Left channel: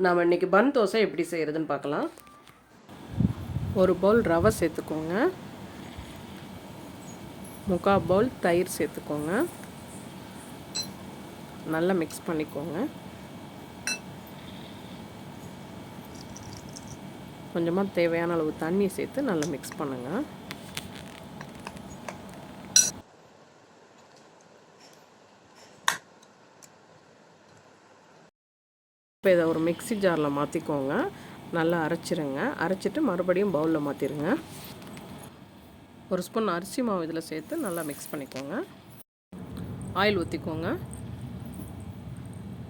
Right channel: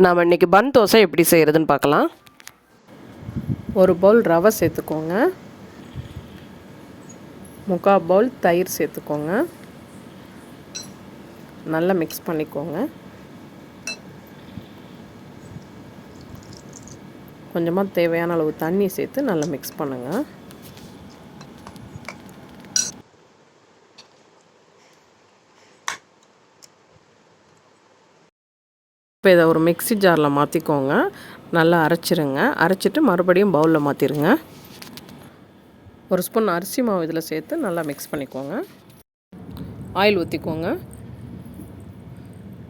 நாம் இன்றைக்கி பன் தோசை எப்படி செய்கிறதுன்னு பார்க்கலாம். ஒரு பவுல் ரவை சேர்த்துக்கோங்க. முக்கால் பவுல் தயிர் சேர்த்துக்கோங்க. நல்லா மிக்ஸ் பண்ணிக்கோங்க. கொஞ்சமாக தேவையான அளவு தண்ணி சேர்த்து நல்லா மிக்ஸ் பண்ணுங்கள் இப்போ இதை ஒரு மிக்ஸி ஜாரில் மாற்றிக்கோங்க. நல்லா அரைச்சிருங்க. அரைச்சிட்டு மறுபடியும் பவுலில் மாற்றிருங்க. ஒரு ஸ்பூன் அரிசி மாவு இதில் சேர்த்து நல்லா மிக்ஸ் பண்ணிக்கோங்க. ஆயில் ஊற்றிக்கோங்க.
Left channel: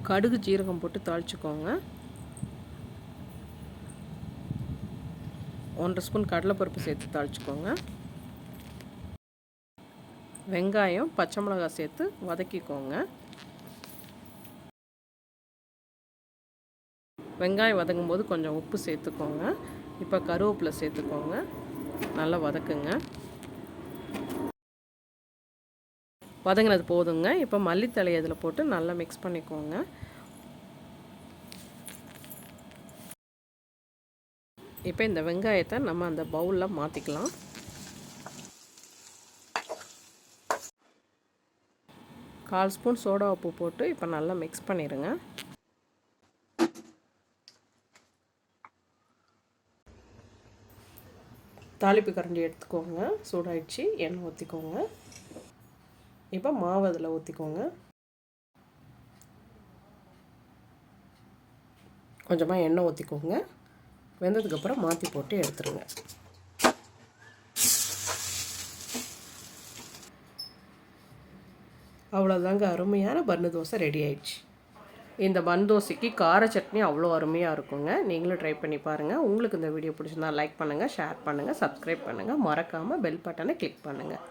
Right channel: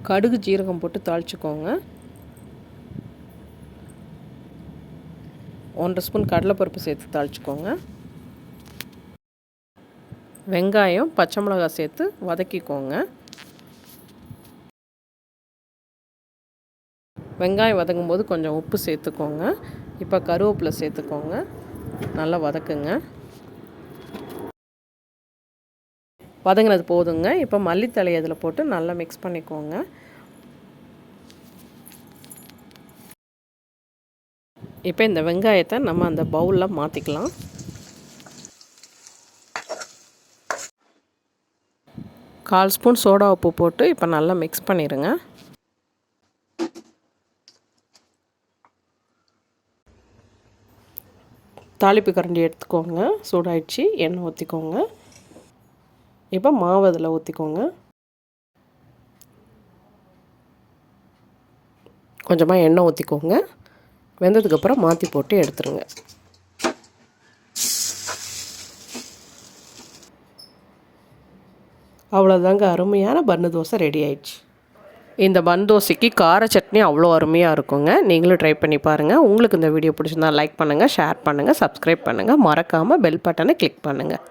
கடுகு ஜீரகம் போட்டு தாளிச்சுக்கோங்க. ஒன்றரை ஸ்பூன் கடலைப்பருப்பு சேர்த்து தாளிச்சுக்கோங்க. வெங்காயம் பச்சை மிளகாய் சேர்த்து வதக்கிக்கோங்க. வெங்காயம் வதங்கும் போது கொஞ்சம் உப்பு சேர்த்துக்கோங்க. இப்போ கருவேப்பிலை சேர்த்துக்கோங்க. நல்லா வதக்குங்க. வதங்கினது போதுங்க. இப்போ மல்லித்தலை அதில் போட்டு நல்லா மிக்ஸ் பண்ணிக்கோங்க. இப்போ இந்த வெங்காயத்தை நம்ம அந்த பவுலில் மாற்றிக்கலாம் கால் ஸ்பூன் சோடா உப்பு போட்டு இப்போ நல்லா மிக்ஸ் பண்ணிடுங்க. தாளிப்பு கரண்டி எடுத்துக்கோங்க. சூடாயிடுச்சு. எண்ணெய் ஊற்றிக்கோங்க இப்போ மாவு அதில் ஊற்றிக்கோங்க கொஞ்சமாக எண்ணெய் ஊற்றிக்கோங்க வெந்ததுக்கப்புறம் மாற்றி போட்டு எடுத்துருங்க. அவ்வளோதாங்க அருமையான பன்னு தோசை ரெடி ஆயிடுச்சு. இந்த பந்தோசைக்கு கார சட்னி அவ்வளோ அருமையாக இருக்குங்க. நீங்களும் ட்ரை பண்ணி பாருங்கள் உங்களுக்கு இந்த வீடியோ பிடிச்சிருந்தா லைக் பண்ணுங்கள் ஷேர் பண்ணுங்கள் சப்ஸ்கிரைப் பண்ணுங்கள் மறக்காமல் பெல் பட்டனை கிளிக் பண்ணுங்கள்